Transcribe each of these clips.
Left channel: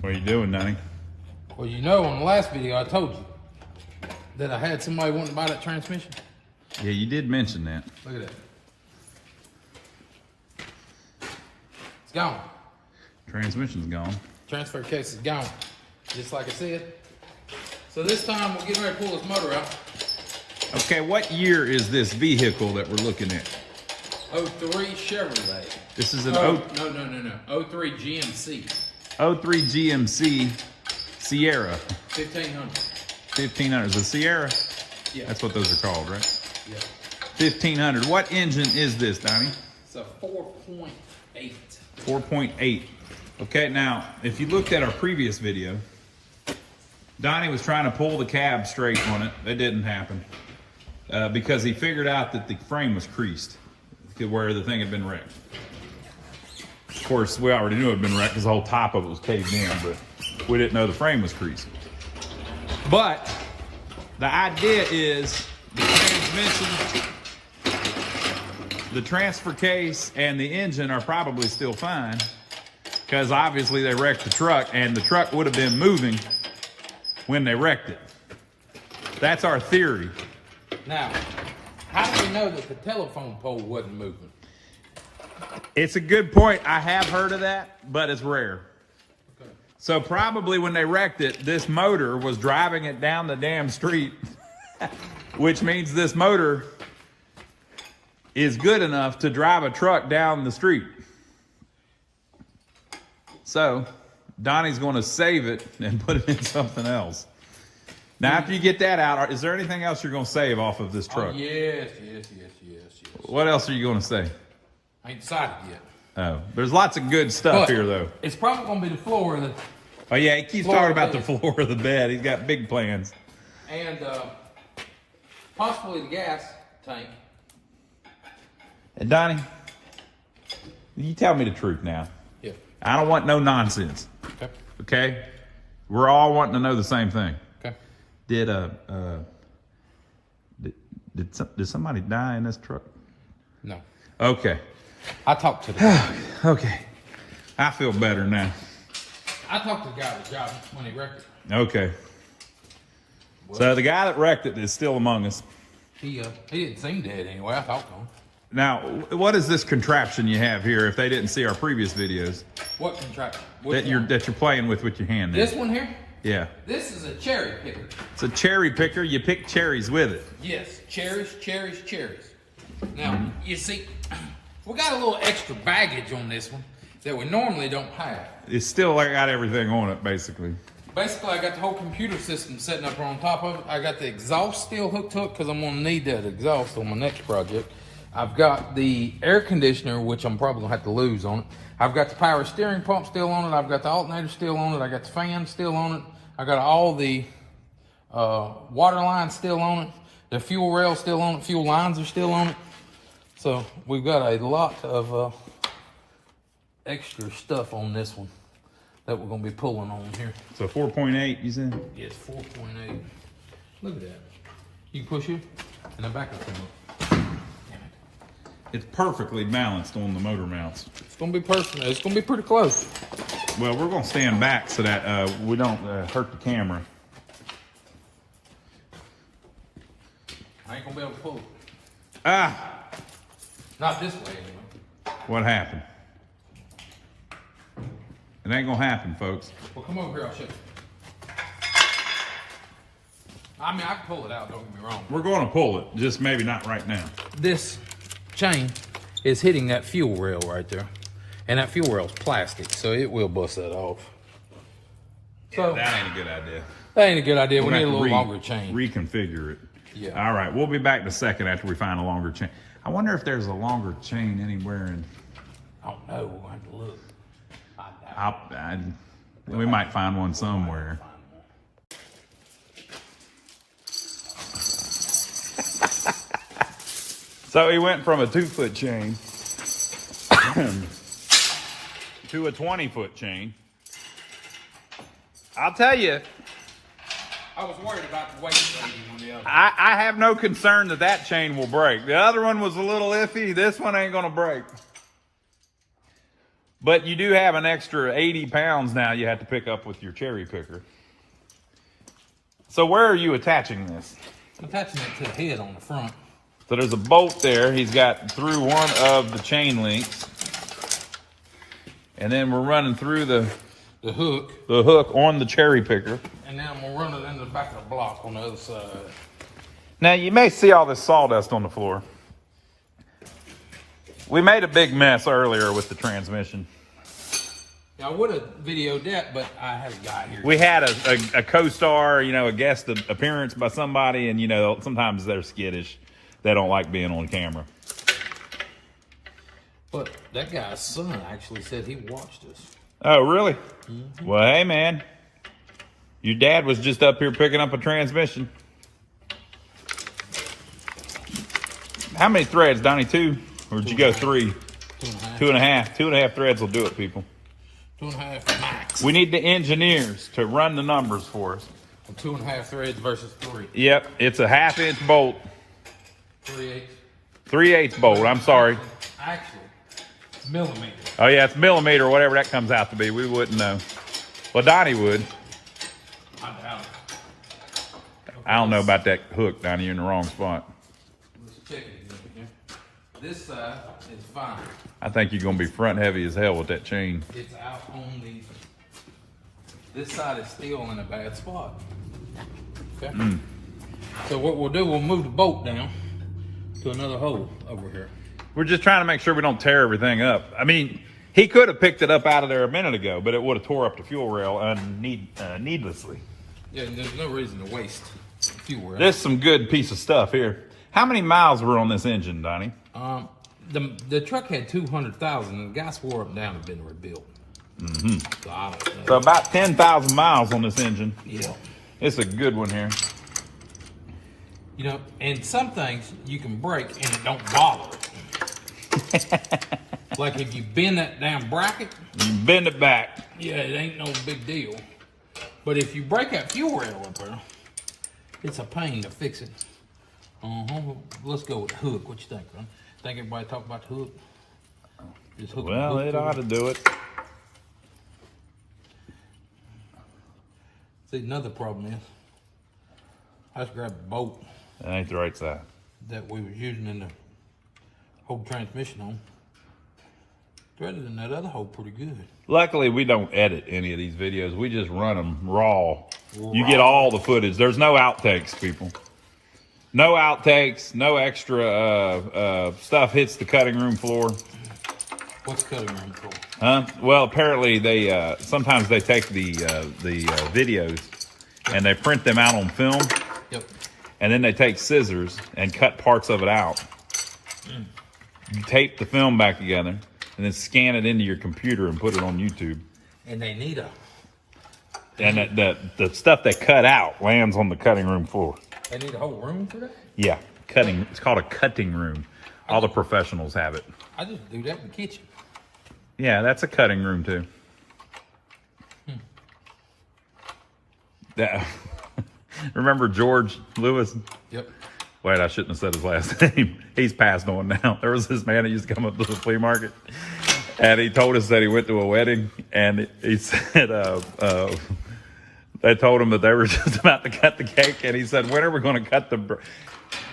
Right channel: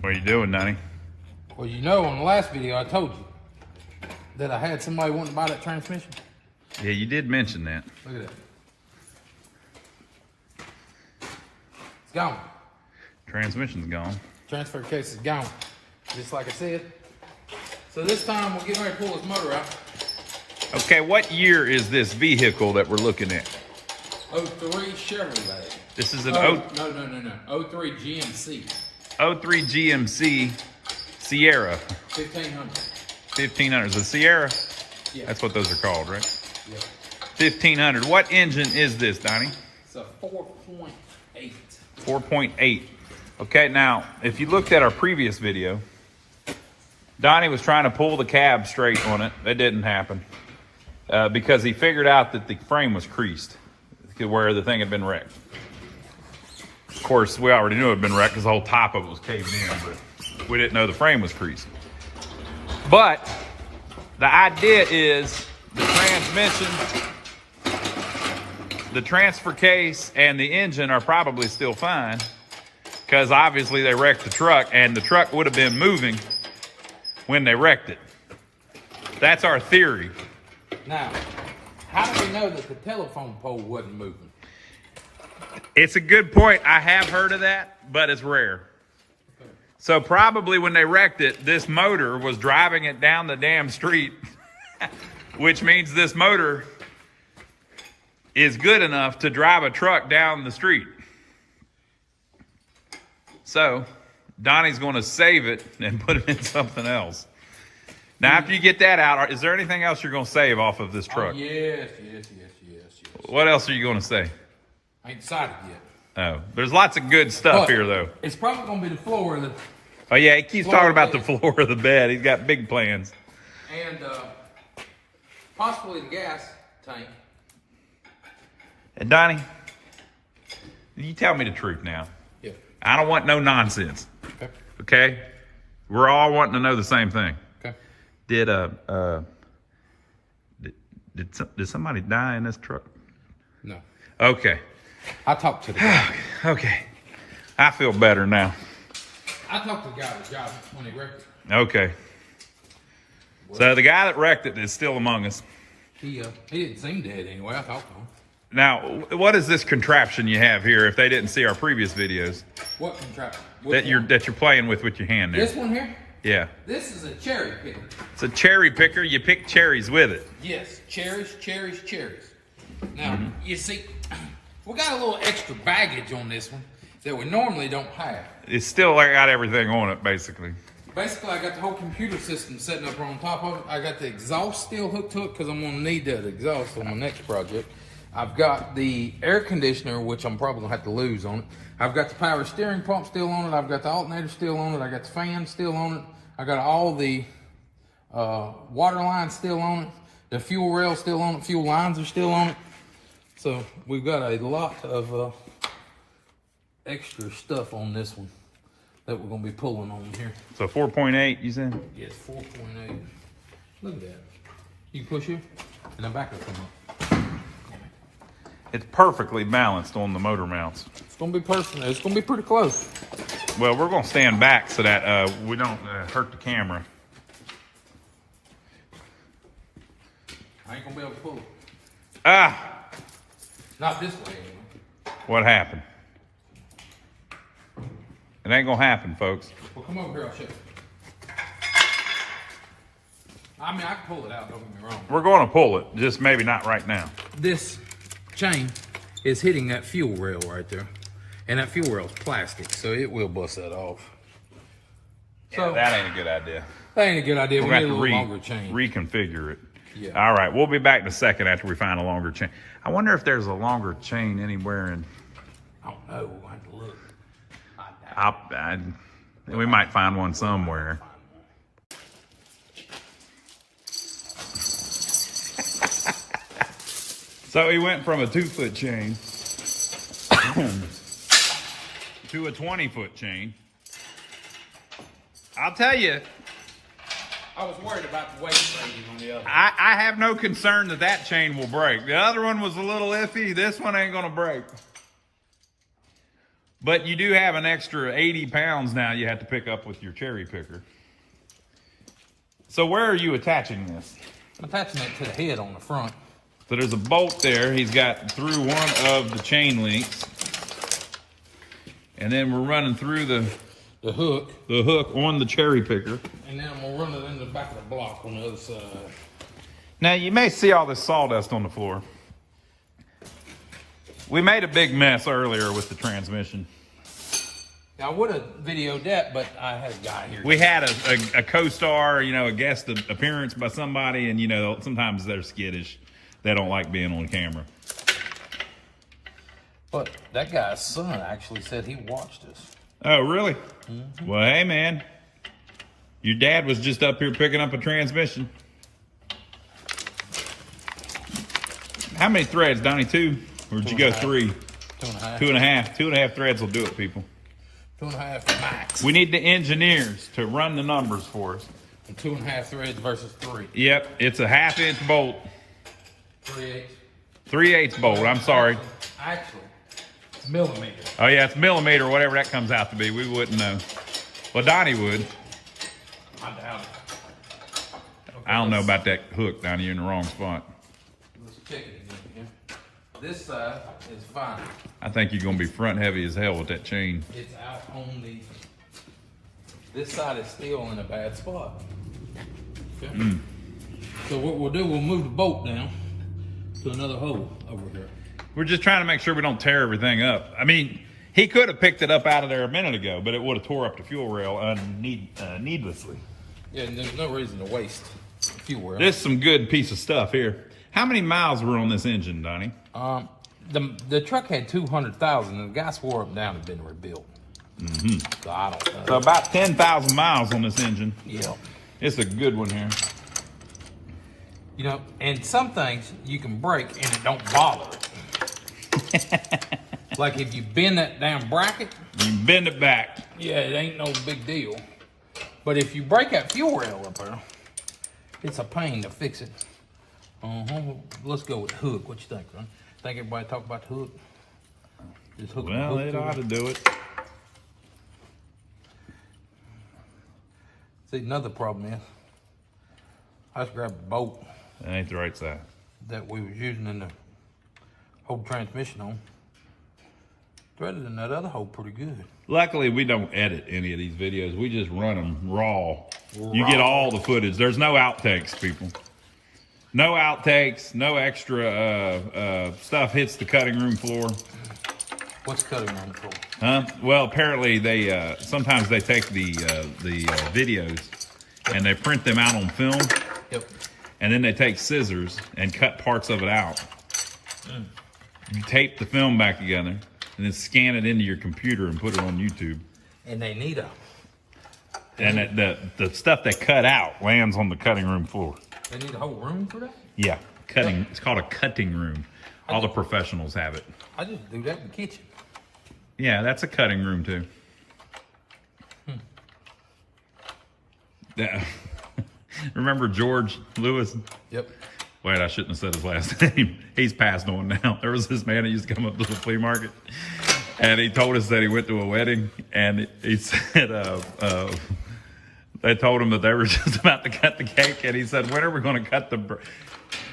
What are you doing, Donnie? Well, you know, on the last video I told you that I had somebody wanting to buy that transmission. Yeah, you did mention that. Look at that. It's gone. Transmission's gone. Transfer case is gone. Just like I said. So this time we'll get ready to pull this motor out. Okay, what year is this vehicle that we're looking at? 03 Chevrolet. This is an No. 03 GMC. 03 GMC Sierra. 1500. 1500. The Sierra? Yeah. That's what those are called, right? Yeah. 1500. What engine is this, Donnie? It's a 4.8. 4.8. Okay, now, if you looked at our previous video, Donnie was trying to pull the cab straight on it. That didn't happen because he figured out that the frame was creased where the thing had been wrecked. Of course, we already knew it had been wrecked because the whole top of it was caved in, but we didn't know the frame was creased. But the idea is the transmission, the transfer case, and the engine are probably still fine because obviously they wrecked the truck and the truck would have been moving when they wrecked it. That's our theory. Now, how do we know that the telephone pole wasn't moving? It's a good point. I have heard of that, but it's rare. Okay. So probably when they wrecked it, this motor was driving it down the damn street, which means this motor is good enough to drive a truck down the street. So Donnie's going to save it and put it in something else. Now, after you get that out, is there anything else you're going to save off of this truck? Oh, yes. What else are you going to say? I ain't decided yet. Oh, there's lots of good stuff here, though. It's probably going to be the floor of the... Oh, yeah, he keeps talking about the floor of the bed. He's got big plans. And possibly the gas tank. And Donnie, you tell me the truth now. Yeah. I don't want no nonsense. Okay. Okay? We're all wanting to know the same thing. Okay. Did somebody die in this truck? No. Okay. I talked to the guy. Okay. I feel better now. I talked to the guy that got it when he wrecked it. Okay. So the guy that wrecked it is still among us. He didn't seem dead anyway. I talked to him. Now, what is this contraption you have here? If they didn't see our previous videos, What contraption? that you're playing with your hand there. This one here? Yeah. This is a cherry picker. It's a cherry picker. You pick cherries with it. Yes, cherries. Now, you see, we got a little extra baggage on this one that we normally don't have. It's still got everything on it, basically. Basically, I got the whole computer system sitting up on top of it. I got the exhaust still hooked to it because I'm going to need that exhaust on my next project. I've got the air conditioner, which I'm probably going to have to lose on it. I've got the power steering pump still on it. I've got the alternator still on it. I got the fan still on it. I got all the water lines still on it. The fuel rail still on it. Fuel lines are still on it. So we've got a lot of extra stuff on this one that we're going to be pulling on here. So 4.8, you said? Yes, 4.8. Look at that. You can push it, and the back will come up. It's perfectly balanced on the motor mounts. It's going to be personal. It's going to be pretty close. Well, we're going to stand back so that we don't hurt the camera. I ain't going to be able to pull it. Ah! Not this way, anyway. What happened? It ain't going to happen, folks. Well, come over here. I'll show you. I mean, I can pull it out. Don't get me wrong. We're going to pull it, just maybe not right now. This chain is hitting that fuel rail right there. And that fuel rail is plastic, so it will bust that off. So, that ain't a good idea. That ain't a good idea. We We're need a going to little have to longer chain. reconfigure it. Yeah. All right, we'll be back in a second after we find a longer chain. I wonder if there's a longer chain anywhere in... I don't know. We'll have to look. We might find one somewhere. So he went from a 2-foot chain to a 20-foot chain. I'll tell you, I was worried about the weight rating on the other. I have no concern that that chain will break. The other one was a little iffy. This one ain't gonna break. But you do have an extra 80 pounds now you have to pick up with your cherry picker. So where are you attaching this? I'm attaching it to the head on the front. So there's a bolt there. He's got through one of the chain links. And then we're running through the hook on the cherry picker. And then I'm gonna run it in the back of the block on the other side. Now you may see all this sawdust on the floor. We made a big mess earlier with the transmission. I would have videoed that, but I had a guy here. We had a co-star, you know, a guest appearance by somebody, and you know, sometimes they're skittish. They don't like being on camera. But that guy's son actually said he watched us. Oh, really? Mm-hmm. Well, hey, man. Your dad was just up here picking up a transmission. How many threads, Donnie? 2? Or did you go 3? 2.5. 2.5. 2.5 threads will do it, people. 2.5 max. We need the engineers to run the numbers for us. 2.5 threads versus 3. Yep, it's a 1/2 inch bolt. 3/8. 3/8 bolt, I'm sorry. Actually, it's millimeter. Oh yeah, it's millimeter, whatever that comes out to be. We wouldn't know. Well, Donnie would. I doubt it. Okay, I don't know about that hook, Donnie. You're in the wrong spot. Let's check it again here. This side is fine. I think you're gonna be front heavy as hell with that chain. It's out on the. This side is still in a bad spot. Okay. So what we'll do, we'll move the bolt down to another hole over here. We're just trying to make sure we don't tear everything up. I mean, he could have picked it up out of there a minute ago, but it would have tore up the fuel rail needlessly. Yeah, there's no reason to waste fuel rail. There's some good piece of stuff here. How many miles were on this engine, Donnie? The truck had 200,000, and the guy swore up down had been rebuilt. So I don't know. So about 10,000 miles on this engine. Yeah. It's a good one here. You know, and some things you can break and it don't bother it. Like if you bend that damn bracket, You bend it back. yeah, it ain't no big deal. But if you break that fuel rail up there, it's a pain to fix it. Let's go with the hook. What you think, man? Think everybody talk about the hook? Just hook the Well, hook it to ought to it. do it. See, another problem is, I just grabbed the bolt That ain't the right side. that we was using in the whole transmission on. Threaded in that other hole pretty good. Luckily, we don't edit any of these videos. We just run them raw. You get all the footage. There's no outtakes, people. No outtakes, no extra stuff hits the cutting room floor. What's cutting room for? Well, apparently they sometimes they take the videos and they print them out on film, Yep. and then they take scissors and cut parts of it out. Tape the film back together, and then scan it into your computer and put it on YouTube. And they need a. And the stuff they cut out lands on the cutting room floor. They need a whole room for that? Yeah, cutting. It's called a cutting room. All the professionals have it. I just do that in the kitchen. Yeah, that's a cutting room too. Yeah. Remember George Lewis? Yep. Wait, I shouldn't have said his last name. He's passed on now. There was this man that used to come up to the flea market, and he told us that he went to a wedding, and he said they told him that they were just about to cut the cake, and he said, "When are we going to cut the?"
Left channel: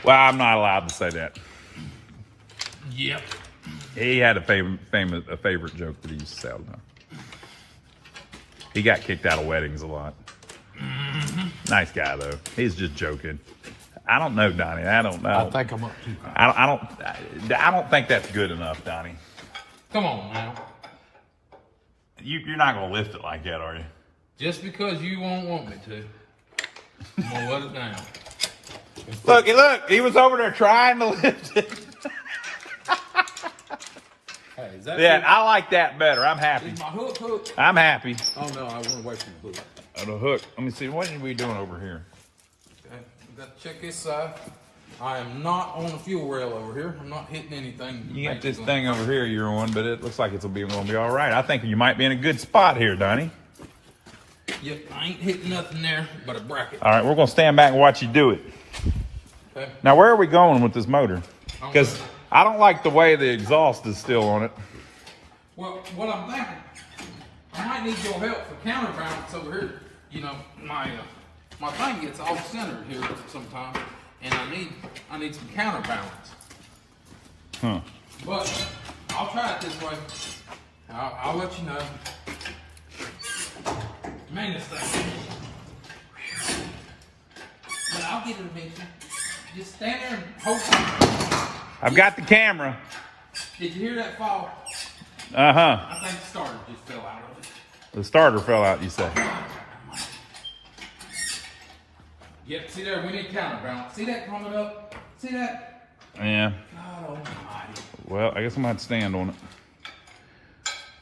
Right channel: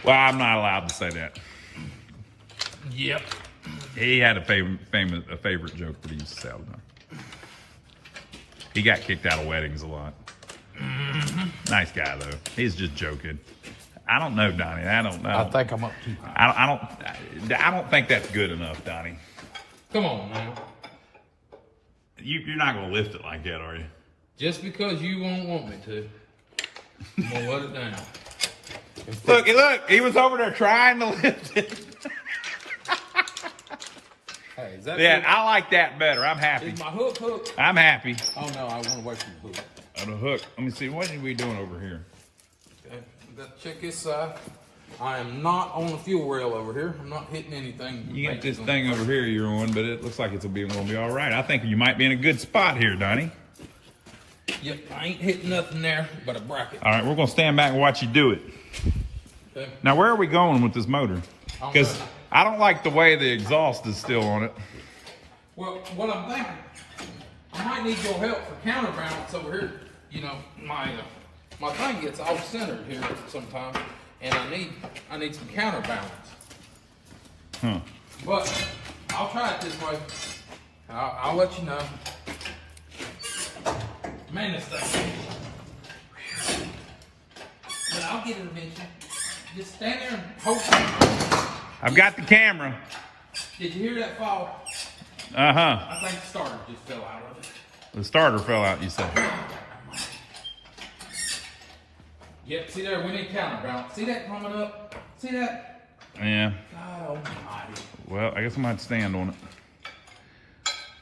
Well, I'm not allowed to say that. Yep. He had a favorite joke that he used to say all the time. He got kicked out of weddings a lot. Nice guy though. He's just joking. I don't know, Donnie. I don't know. I think I'm up too high. I don't think that's good enough, Donnie. Come on now. You're not gonna lift it like that, are you? Just because you won't want me to, I'm gonna let it down. Look, he was over there trying to lift it. Hey, is that Yeah, hook? I like that better. I'm happy. Is my hook? I'm happy. Oh no, I want away from the hook. On the hook. Let me see. What are we doing over here? Okay, we got to check this side. I am not on the fuel rail over here. I'm not hitting anything. You got this thing over here you're on, but it looks like it's gonna be all right. I think you might be in a good spot here, Donnie. Yep, I ain't hitting nothing there but a bracket. All right, we're gonna stand back and watch you do it. Okay. Now, where are we going with this motor? Because I don't like the way the exhaust is still on it. Well, what I'm thinking, I might need your help for counterbalance over here. You know, my thing gets off centered here sometimes, and I need some counterbalance. But I'll try it this way. I'll let you know. Man, this thing. But I'll get it eventually. Just stand there and hold it. I've got the camera. Did you hear that fall? Uh-huh. I think the starter just fell out of it. The starter fell out, you said. Yep, see there, we need counterbalance. See that coming up? See that? Yeah. God almighty. Well, I guess I'm going to have to stand on it.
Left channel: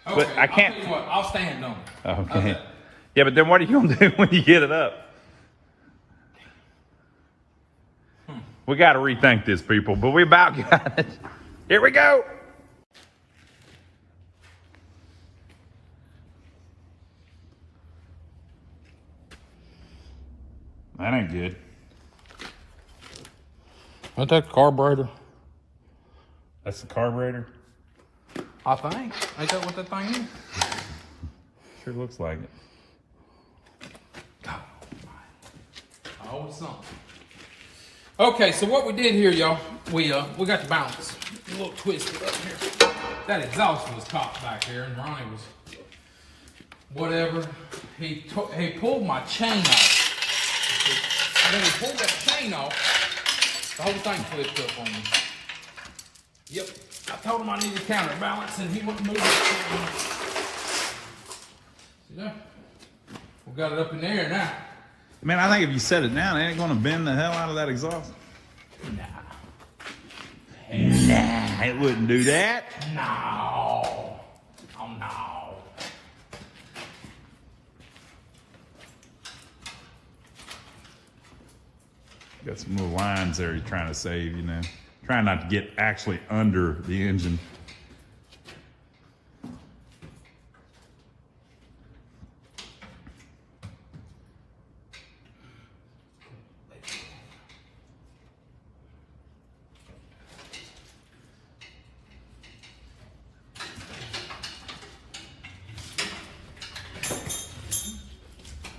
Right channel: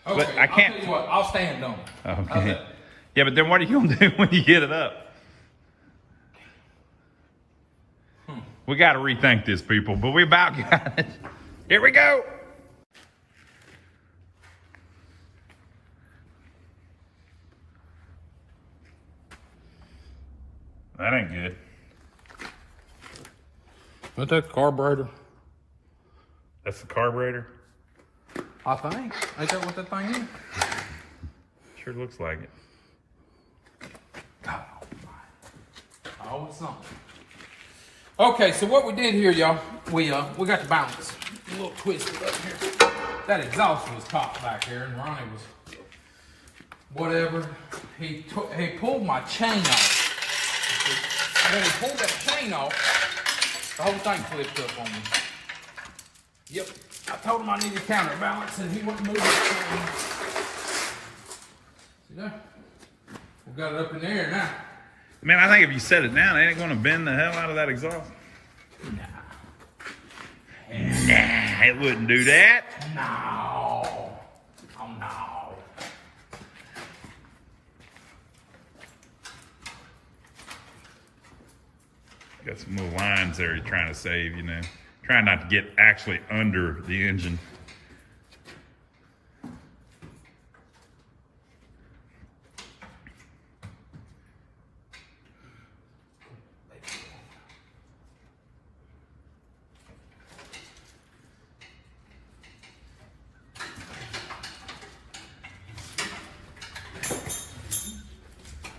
Okay, I can't. I'll tell you what, I'll stand on it. Okay. How's that? Yeah, but then what are you going to do when you get it up? We got to rethink this, people, but we about got it. Here we go. That ain't good. Ain't that the carburetor? That's the carburetor? I think. Ain't that what that thing is? Sure looks like it. God almighty. Oh, something. Okay, so what we did here, y'all, we got the balance a little twisted up here. That exhaust was caught back here, and Ronnie was whatever. He pulled my chain off. And when he pulled that chain off, the whole thing flipped up on me. Yep, I told him I needed counterbalance, and he wouldn't move it. See there? We got it up in the air now. Man, I think if you set it down, it ain't going to bend the hell out of that exhaust. Nah. Nah, it wouldn't do that. No. Oh, no. Got some little lines there you're trying to save, you know. Trying not to get actually under the engine.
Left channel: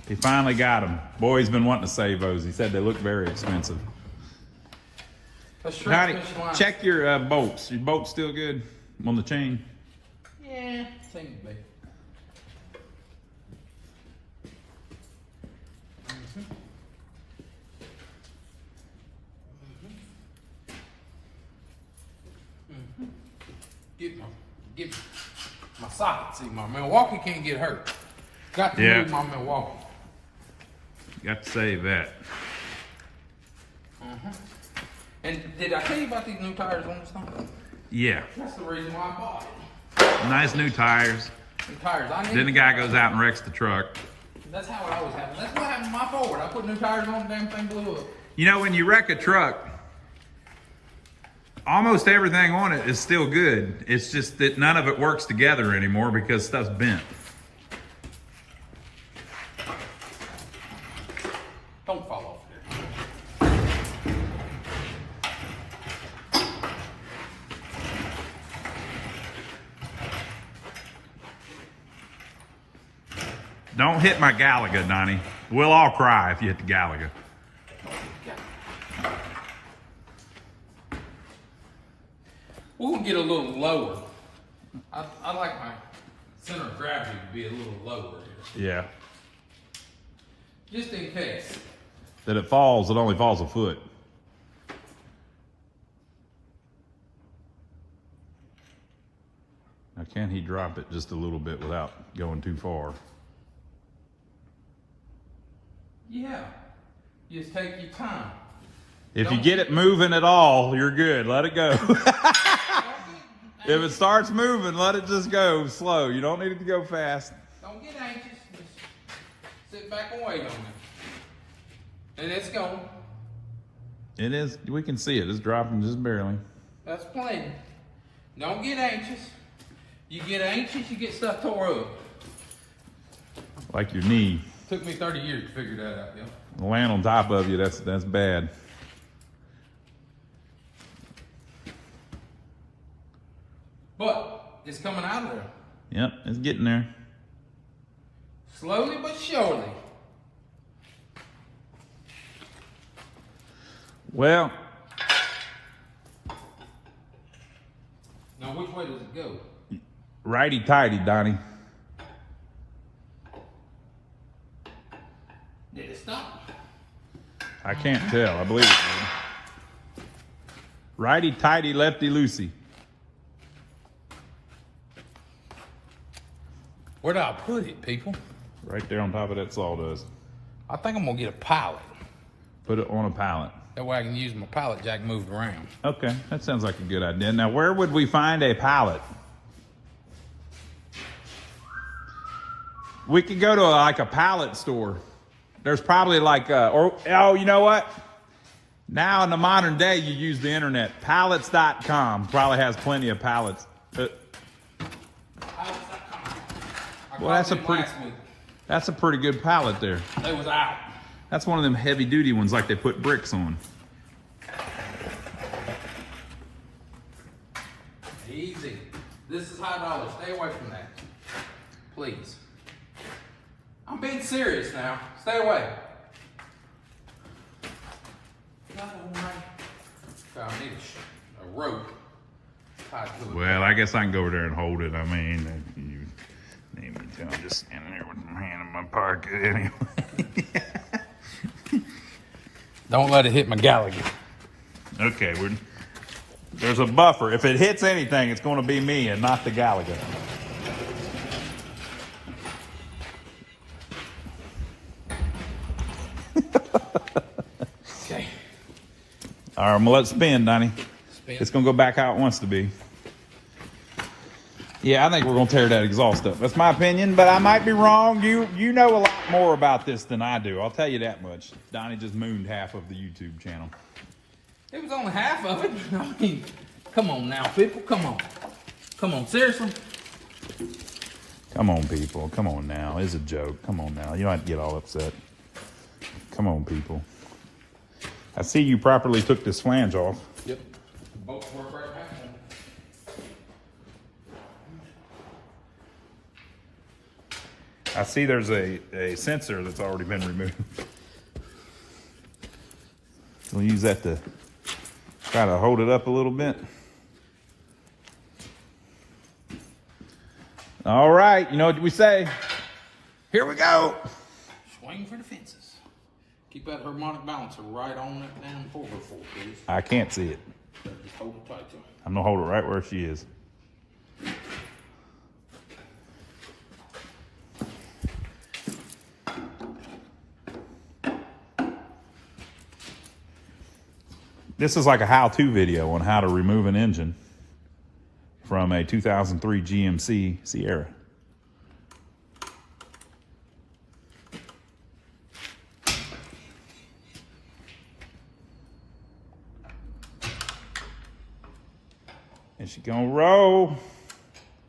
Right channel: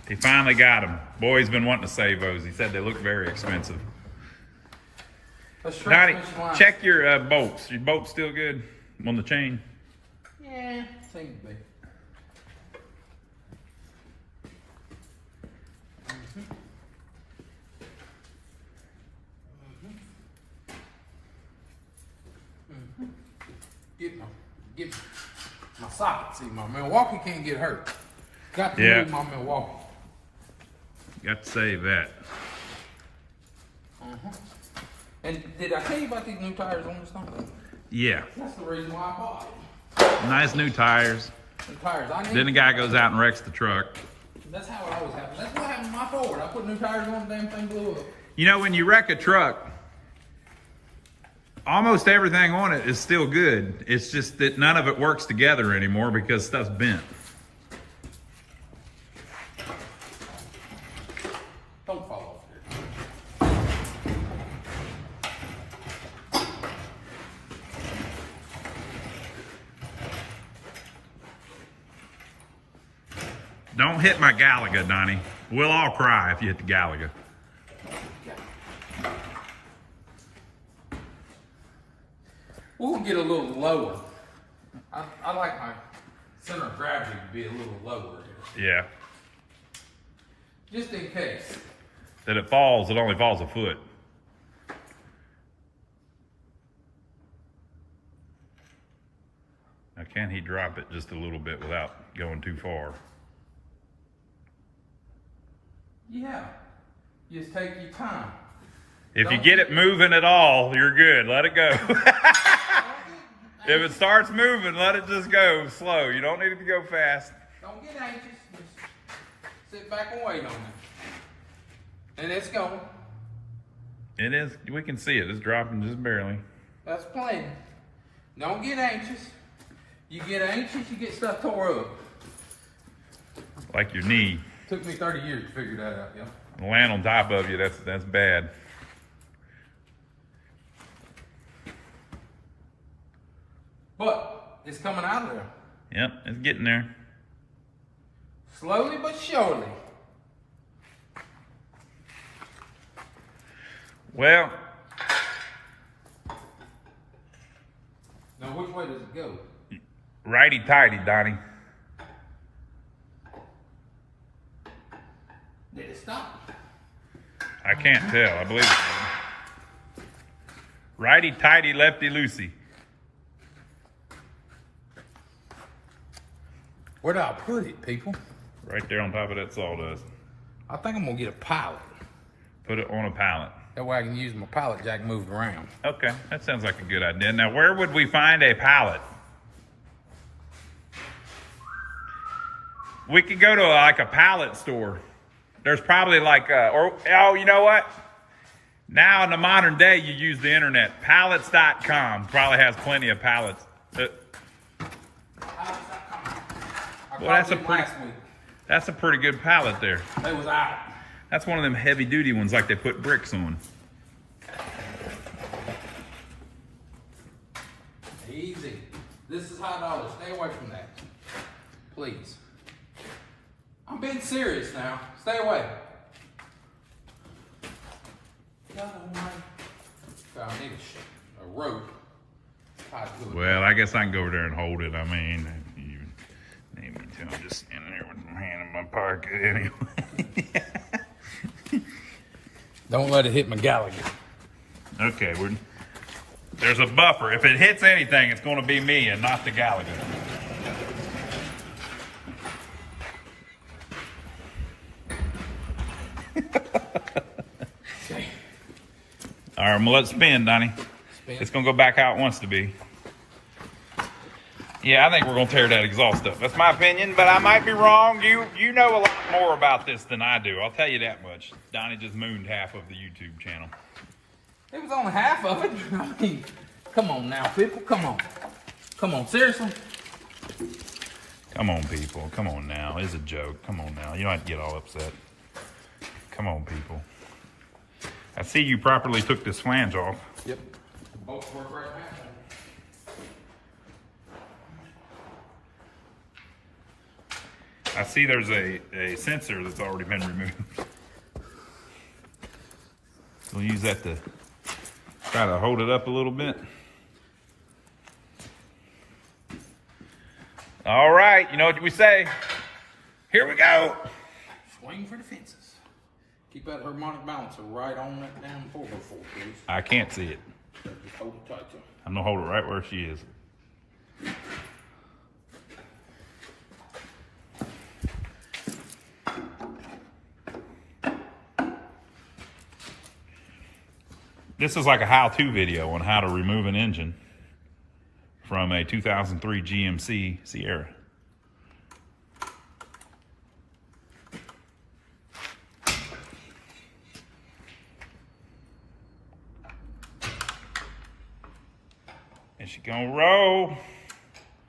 He finally got them. Boy's been wanting to save those. He said they look very expensive. Donnie, check your bolts. Your bolts still good on the chain? Yeah, seems to be. Get my socket. See, my Milwaukee can't get hurt. Got to move my Milwaukee. Got to save that. And did I tell you about these new tires on this thing? Yeah. That's the reason why I bought it. Nice new tires. New tires. I need Then the guy goes out and wrecks the truck. That's how it always happens. That's what happened to my Ford. I put new tires on, the damn thing blew up. You know, when you wreck a truck, almost everything on it is still good. It's just that none of it works together anymore because stuff's bent. Don't fall off here. Don't hit my Galaga, Donnie. We'll all cry if you hit the Galaga. We'll get a little lower. I like my center of gravity to be a little lower here. Yeah. Just in case. That it falls, it only falls a foot. Now, can he drop it just a little bit without going too far? Yeah. Just take your time. If you get it moving at all, you're good. Let it go. If it starts moving, let it just go slow. You don't need it to go fast. Don't get anxious. Just sit back and wait on it. And it's going. It is. We can see it. It's dropping just barely. That's plenty. Don't get anxious. You get anxious, you get stuff tore up. Like your knee. Took me 30 years to figure that out, yo. Land on top of you, that's bad. But it's coming out of there. Yep, it's getting there. Slowly but surely. Well, now which way does it go? righty-tighty, Donnie. Did it stop? I can't tell. I believe it did. Righty-tighty, lefty-loosey. Where do I put it, people? Right there on top of that sawdust. I think I'm gonna get a pallet. Put it on a pallet. That way I can use my pallet jack moved around. Okay, that sounds like a good idea. Now, where would we find a pallet? We could go to like a pallet store. There's probably like, oh, you know what? Now in the modern day, you use the internet. Pallets.com probably has plenty of pallets. Well, that's a pretty good pallet there. They was out. That's one of them heavy duty ones like they put bricks on. Easy. This is high dollar. Stay away from that. Please. I'm being serious now. Stay away. God almighty. I need a rope tied to it. Well, I guess I can go over there and hold it. I mean, you need me to. I'm just standing there with my hand in my pocket anyway. Don't let it hit my Gallagher. Okay, there's a buffer. If it hits anything, it's going to be me and not the Gallagher. Okay. All right, I'm going to let it spin, Donnie. Spin. It's going to go back how it wants to be. Yeah, I think we're going to tear that exhaust up. That's my opinion, but I might be wrong. You know a lot more about this than I do. I'll tell you that much. Donnie just mooned half of the YouTube channel. It was only half of it. I mean, come on now, people. Come on. Come on, seriously? Come on, people. Come on now. It's a joke. Come on now. You don't have to get all upset. Come on, people. I see you properly took this flange off. Yep. Both work right now. I see there's a sensor that's already been removed. We'll use that to try to hold it up a little bit. All right, you know what we say? Here we go. Swing for the fences. Keep that harmonic balancer right on that damn 4x4, please. I can't see it. Just hold it tight to it. I'm gonna hold it right where she is. This is like a how-to video on how to remove an engine from a 2003 GMC Sierra. And she's gonna roll.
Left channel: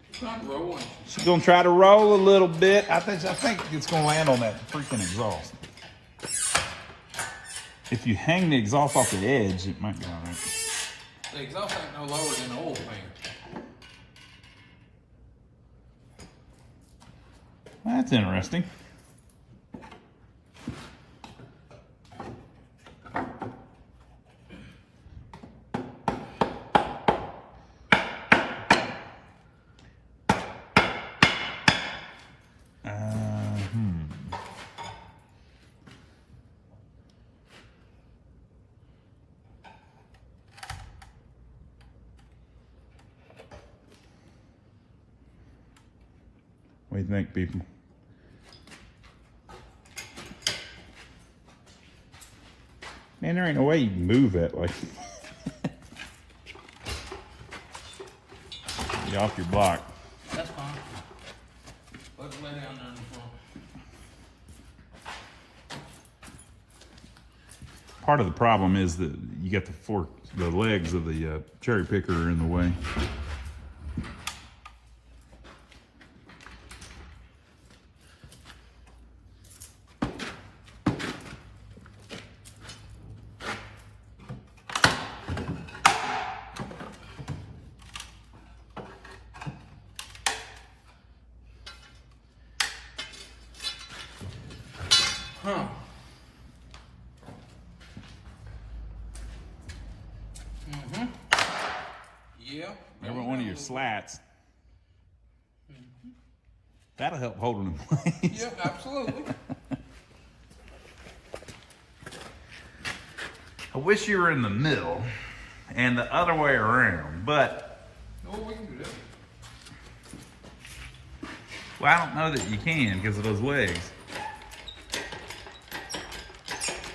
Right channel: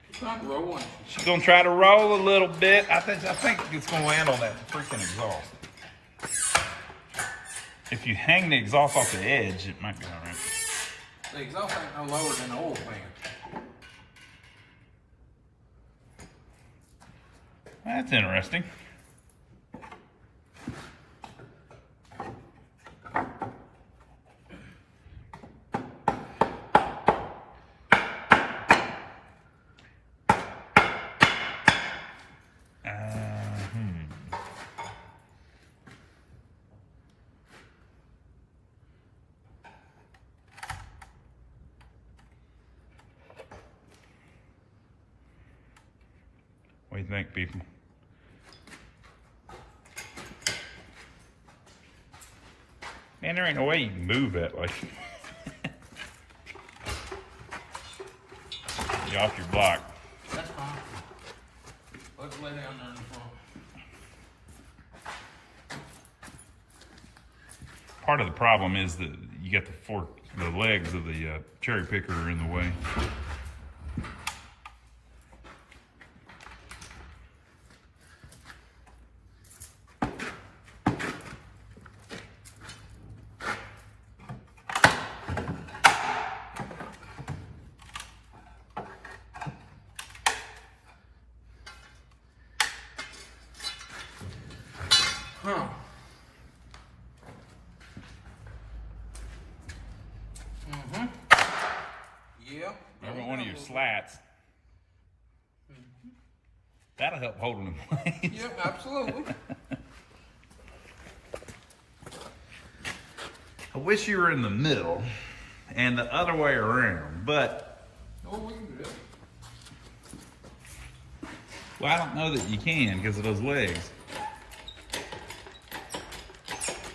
It's not rolling. She's gonna try to roll a little bit. I think it's gonna land on that freaking exhaust. If you hang the exhaust off the edge, it might be all right. The exhaust ain't no lower than the oil fan. That's interesting. What do you think, people? Man, there ain't no way you can move that way. Get off your block. That's fine. Let's lay down there in the front. Part of the problem is that you got the legs of the cherry picker are in the way. slats. That'll help hold them in place. Yep, absolutely. I wish you were in the middle and the other way around, but Oh, we can do that. well, I don't know that you can because of those legs.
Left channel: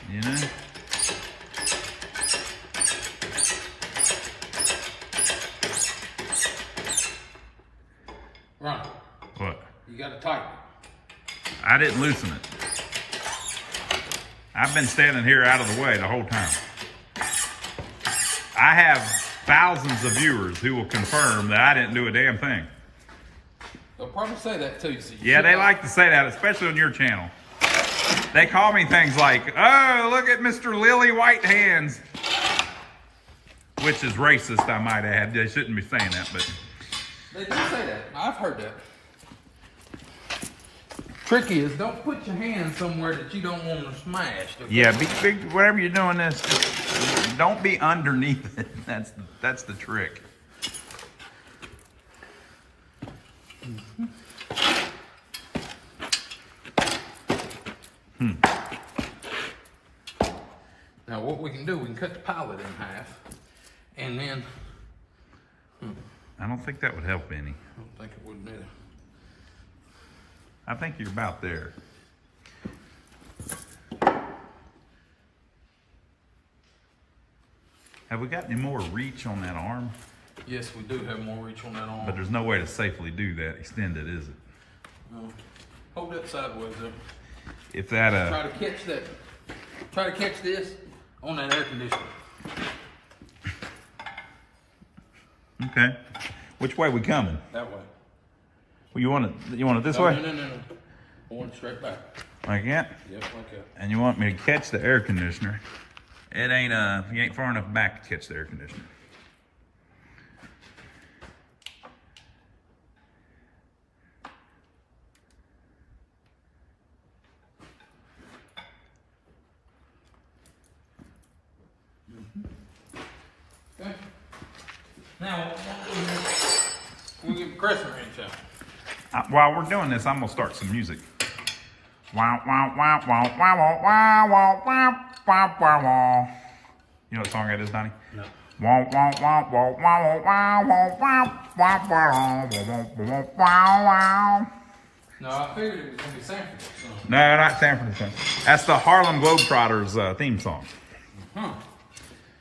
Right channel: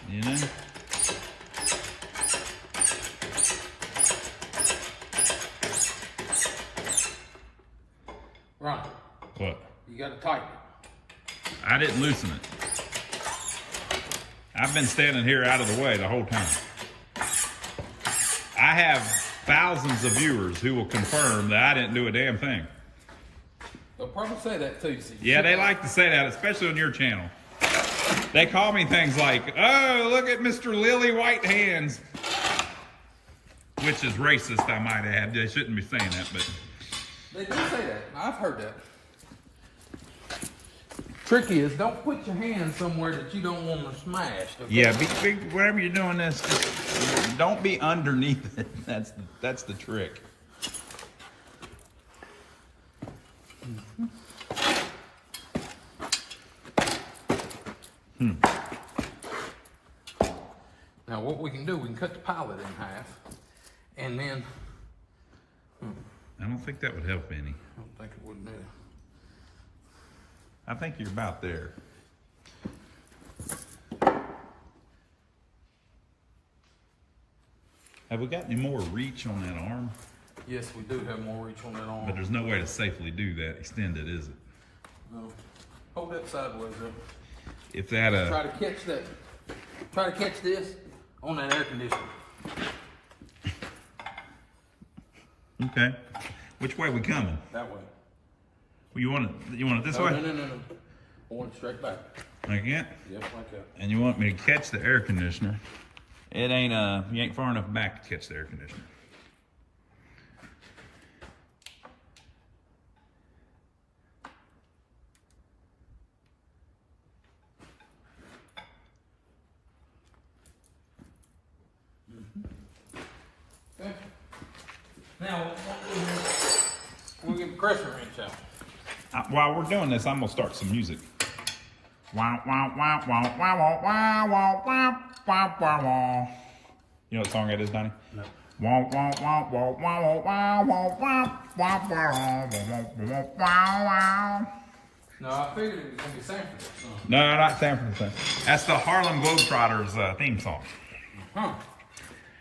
You know? Ron, What? you got to tighten it. I didn't loosen it. I've been standing here out of the way the whole time. I have thousands of viewers who will confirm that I didn't do a damn thing. They'll probably say that too. So Yeah, they like to say that, especially on your channel. They call me things like, oh, look at Mr. Lily White Hands. Which is racist, I might add. They shouldn't be saying that, but... They do say that. I've heard that. Trick is, don't put your hand somewhere that you don't want to smash. Okay? Yeah, whenever you're doing this, just don't be underneath it. That's the trick. Now what we can do, we can cut the pilot in half, and then I don't think that would help any. I don't think it would either. I think you're about there. Have we got any more reach on that arm? Yes, we do have more reach on that arm. But there's no way to safely do that extended, is it? No. Hold that sideways up. If that Try to catch that. Try to catch this on that air conditioner. okay. Which way we coming? That way. Well, you want it this way? No. I want it straight back. Like that? Yep, like that. And you want me to catch the air conditioner. It ain't you ain't far enough back to catch the air conditioner. Okay. Now, we'll get the crescent wrench out. While we're doing this, I'm gonna start some music. Wow, wow, wow, wow, wow, wow, wow, wow, wow, wow, wow. You know what song that is, Donnie? No. Wow, wow, wow, wow, wow, wow, wow, wow, wow, wow, wow, wow, wow. No, I figured it was gonna be Sanford. No, not Sanford. That's the Harlem Globetrotters theme song. Huh.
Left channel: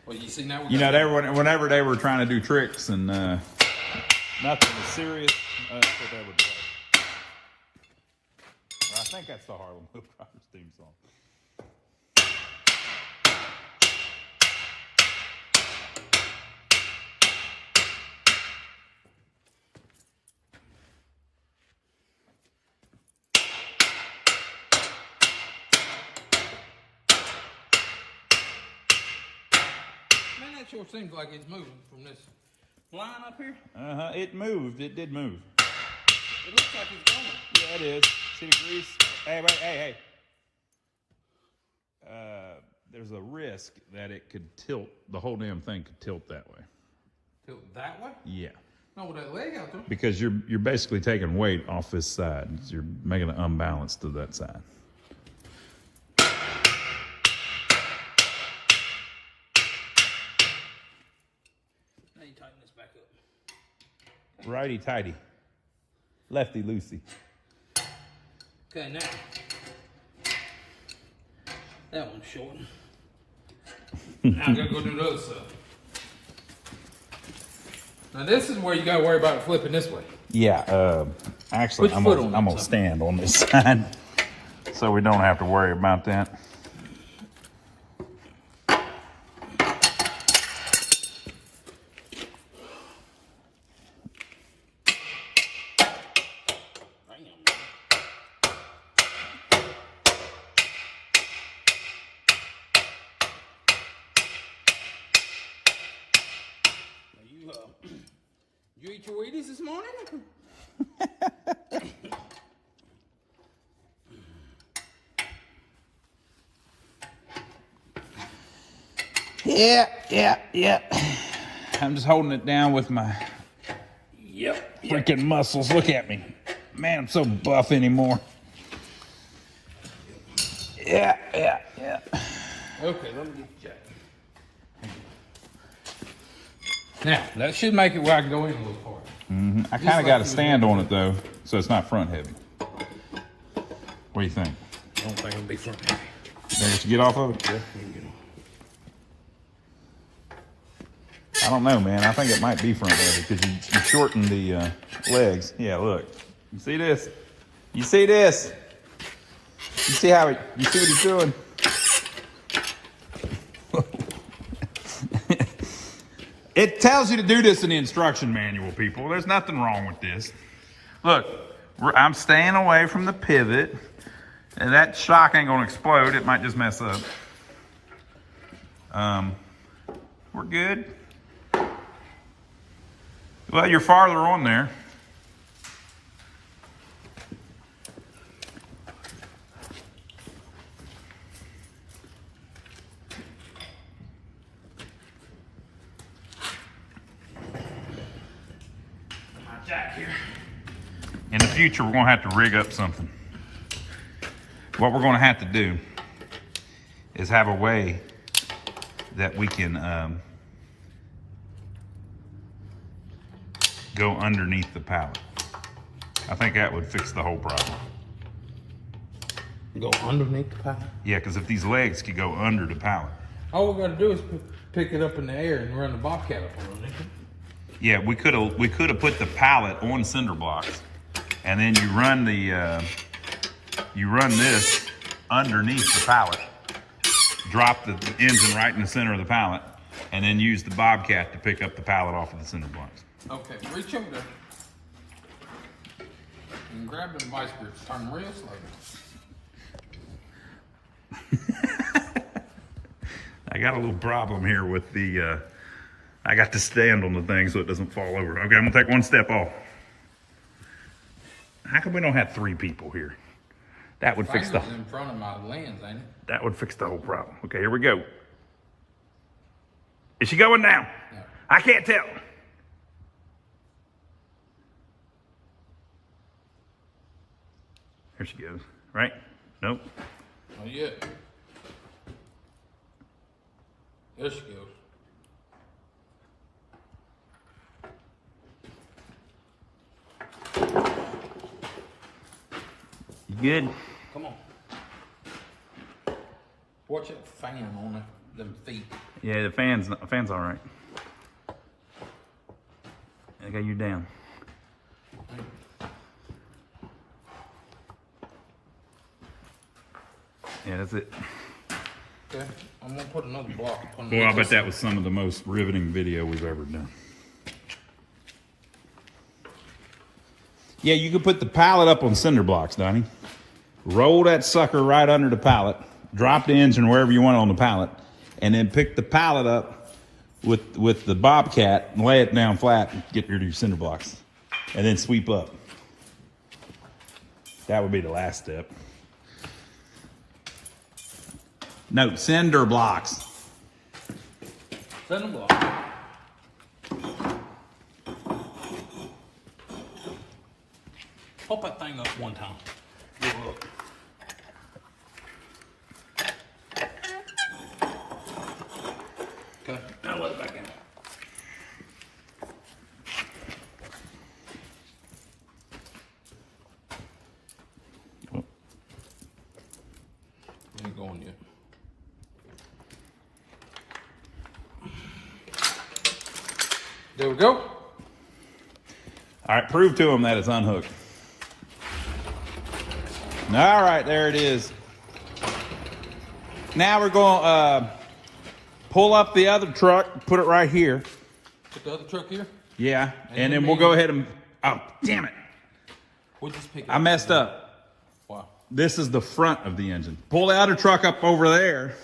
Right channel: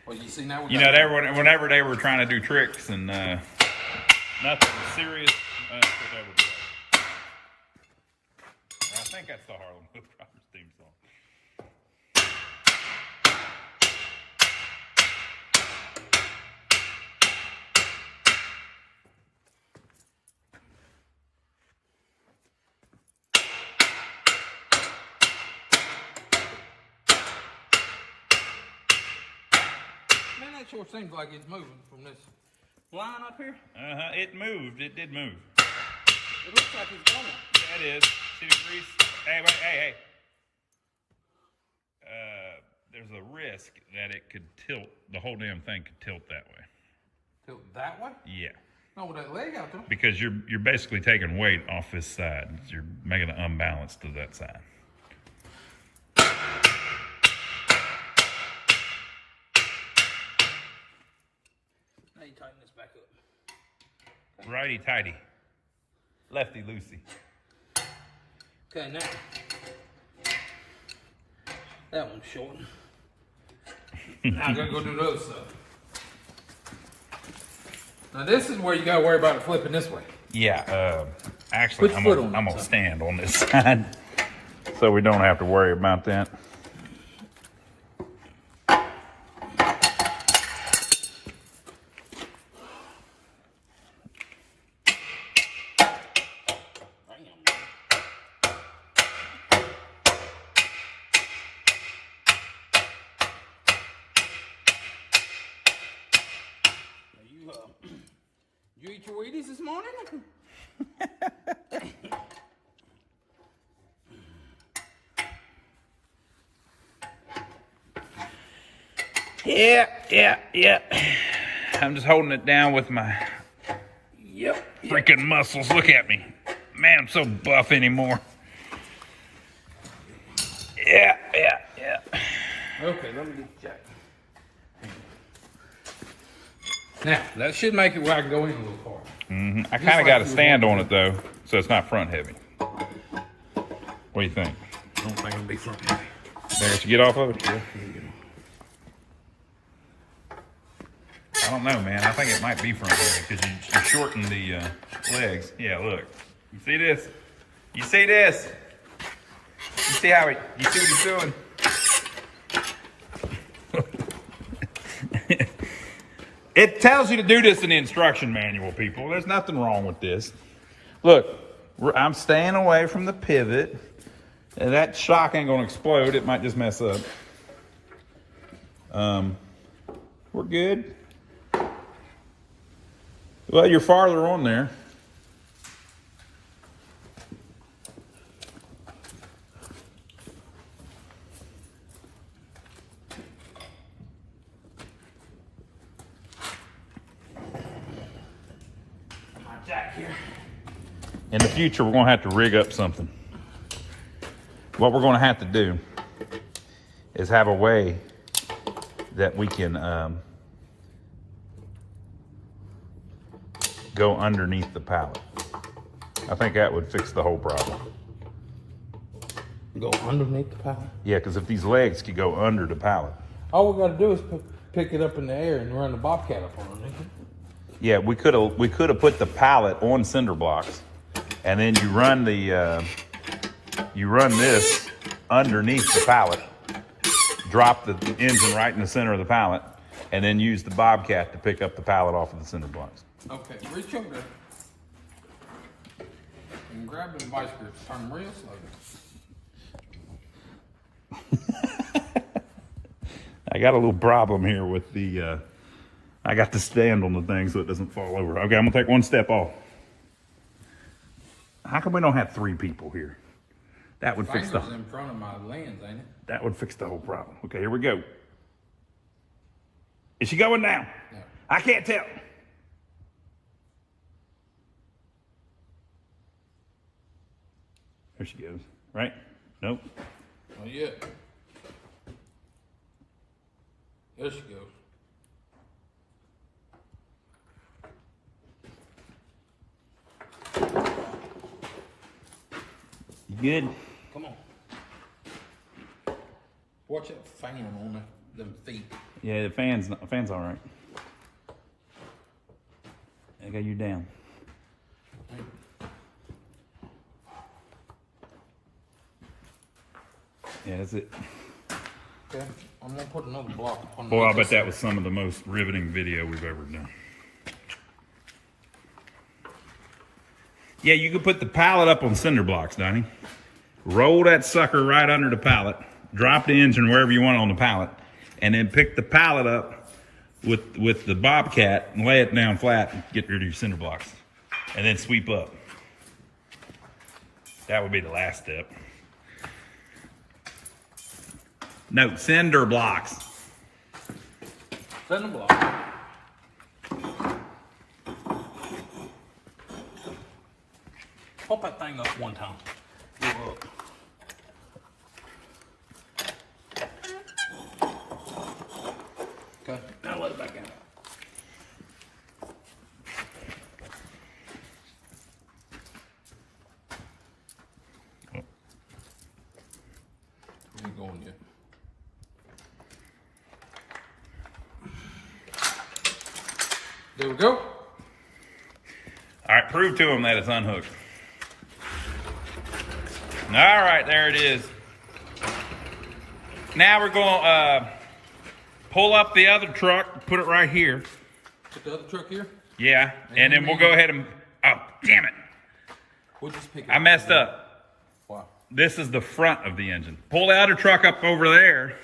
Well, you see now we You know, got whenever they were trying to do tricks and nothing was serious, that's what they would play. I think that's the Harlem Globetrotters theme song. Man, that sure seems like it's moving from this line up here. It moved. It did move. It looks like it's going. Yeah, it is. See the grease? Hey, wait, hey. There's a risk that it could tilt. The whole damn thing could tilt that way. Tilt that way? Yeah. No, with that leg out there. Because you're basically taking weight off this side. You're making it unbalanced to that side. Now you tighten this back up. Righty tighty. Lefty loosey. Okay, now. That one's short. Now I gotta go do the other stuff. Now this is where you gotta worry about it flipping this way. Yeah, actually, Put your foot on I'm that gonna side. stand on this side so we don't have to worry about that. You eat your Wheaties this morning? Yeah. I'm just holding it down with my freaking muscles. Look at me. Man, I'm so buff anymore. Yeah. Okay, let me get the jack. Now, that should make it where I can go in a little far. I kind of got to stand on it though, so it's not front heavy. What do you think? I don't think it'll be front heavy. There, you get off of it? Yeah. I don't know, man. I think it might be front heavy because you shorten the legs. Yeah, look. You see this? You see this? You see how you see what he's doing? It tells you to do this in the instruction manual, people. There's nothing wrong with this. Look, I'm staying away from the pivot. And that shock ain't gonna explode. It might just mess up. We're good. Well, you're farther on there. Jack here. In the future, we're gonna have to rig up something. What we're gonna have to do is have a way that we can go underneath the pallet. I think that would fix the whole problem. Go underneath the pallet? Yeah, because if these legs could go under the pallet. All we gotta do is pick it up in the air and run the bobcat up underneath it. Yeah, we could have put the pallet on cinder blocks, and then you run this underneath the pallet, drop the engine right in the center of the pallet, and then use the bobcat to pick up the pallet off of the cinder blocks. Okay, reach over there and grab the vice grips. Turn them real slow. I got a little problem here with the. I got to stand on the thing so it doesn't fall over. Okay, I'm gonna take one step off. How come we don't have 3 people here? That would fix the. In front of my lens, ain't it? That would fix the whole problem. Okay, here we go. Is she going down? No. I can't tell. Here she goes. Right? Nope. Not yet. There she goes. You good? Come on. Watch that fan on them feet. Yeah, the fan's all right. I got you down. Yeah, that's it. Okay, I'm gonna put another block on. Boy, I bet that was some of the most riveting video we've ever done. Yeah, you could put the pallet up on cinder blocks, Donnie. Roll that sucker right under the pallet, drop the engine wherever you want on the pallet, and then pick the pallet up with the bobcat and lay it down flat and get rid of your cinder blocks. And then sweep up. That would be the last step. No, cinder blocks. Cinder block. Pop that thing up one time. Look. Okay, now let it back in. Ain't going yet. There we go. All right, prove to them that it's unhooked. All right, there it is. Now we're going to pull up the other truck, put it right here. Put the other truck here. Yeah, and then we'll go ahead and, oh, damn it. We'll just pick it up. I messed up. Wow. This is the front of the engine. Pull the other truck up over there.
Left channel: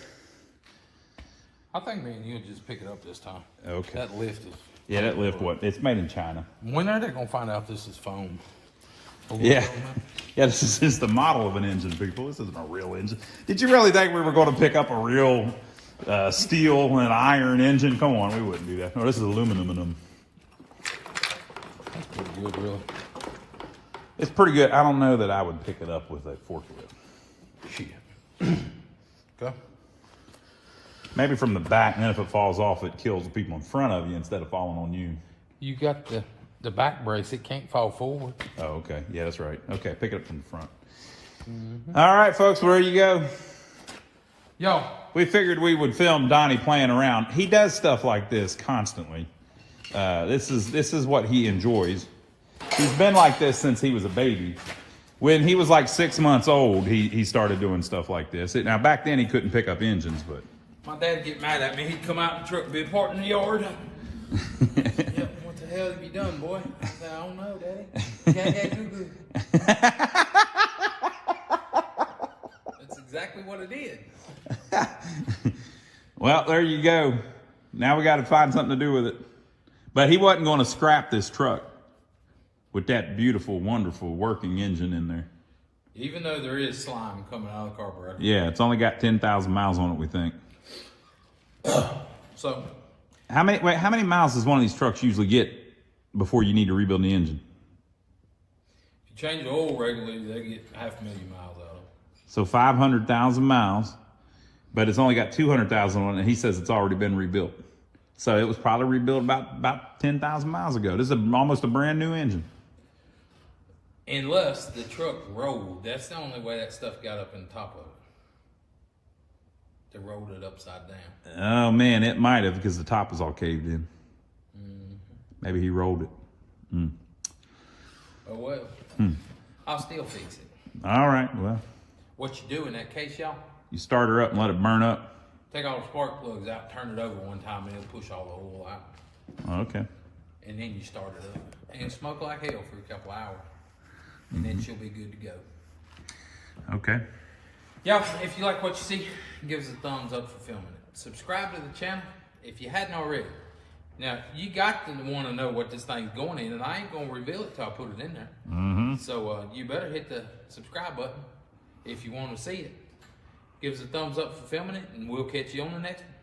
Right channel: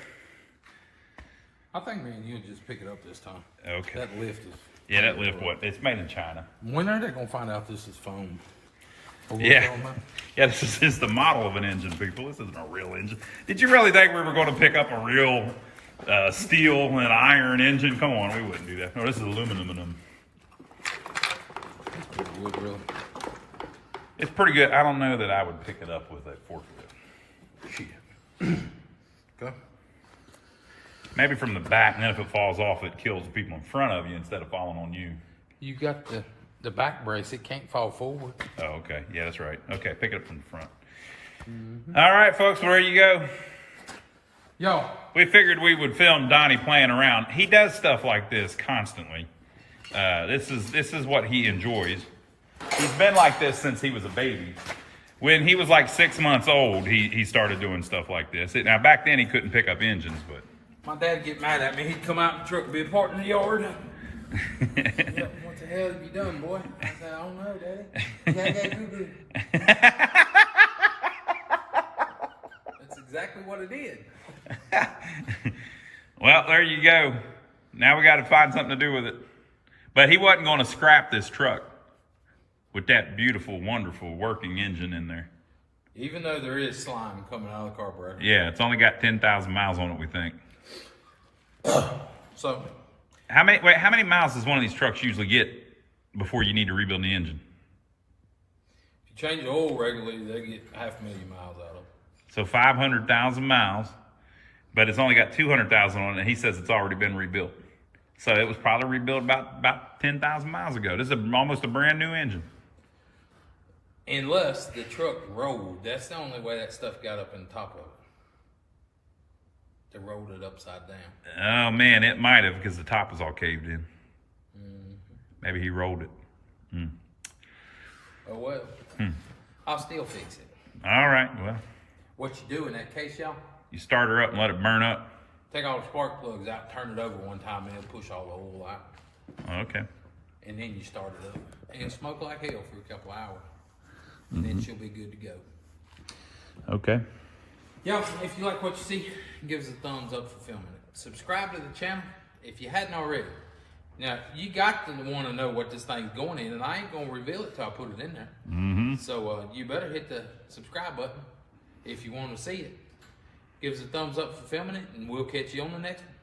I think me and you'll just pick it up this time. Okay. That lift is... Yeah, that lift, what? It's made in China. When are they going to find out this is foam? Yeah. Yeah, this is just the model of an engine, people. This isn't a real engine. Did you really think we were going to pick up a real steel and iron engine? Come on, we wouldn't do that. No, this is aluminum. with, really. It's pretty good. I don't know that I would pick it up with that forklift. Shit. Okay. Maybe from the back, and then if it falls off, it kills the people in front of you instead of falling on you. You got the back brace. It can't fall forward. Oh, okay. Yeah, that's right. Okay, pick it up from the front. All right, folks, well, there you go. Yo, We figured we would film Donnie playing around. He does stuff like this constantly. This is what he enjoys. He's been like this since he was a baby. When he was like 6 months old, he started doing stuff like this. Now, back then he couldn't pick up engines, but... my dad would get mad at me. He'd come out in the truck, be parked in the yard. Yep, what the hell have you done, boy? I said, I don't know, Daddy. Dad, that's exactly what it did. Well, there you go. Now we got to find something to do with it. But he wasn't going to scrap this truck with that beautiful, wonderful working engine in there. Even though there is slime coming out of the carburetor. Yeah, it's only got 10,000 miles on it, we think. So, How many miles does one of these trucks usually get before you need to rebuild the engine? if you change the oil regularly, they get 500,000 miles out of it. So 500,000 miles, but it's only got 200,000 on it, and he says it's already been rebuilt. So it was probably rebuilt about 10,000 miles ago. This is almost a brand new engine. Unless the truck rolled. That's the only way that stuff got up in the top of it. They rolled it upside down. Oh man, it might have, because the top was all caved in. Maybe he rolled it. Oh well. I'll still fix it. All right, well, What you do in that case, y'all, you start her up and let it burn up. take all the spark plugs out, turn it over one time, and it'll push all the oil out. Okay. And then you start it up. And smoke like hell for a couple hours. And then she'll be good to go. Okay. Y'all, if you like what you see, give us a thumbs up for filming it. Subscribe to the channel if you hadn't already. Now, you got to want to know what this thing's going in, and I ain't going to reveal it till I put it in there. So you better hit the subscribe button if you want to see it. Give us a thumbs up for filming it, and we'll catch you on the next one.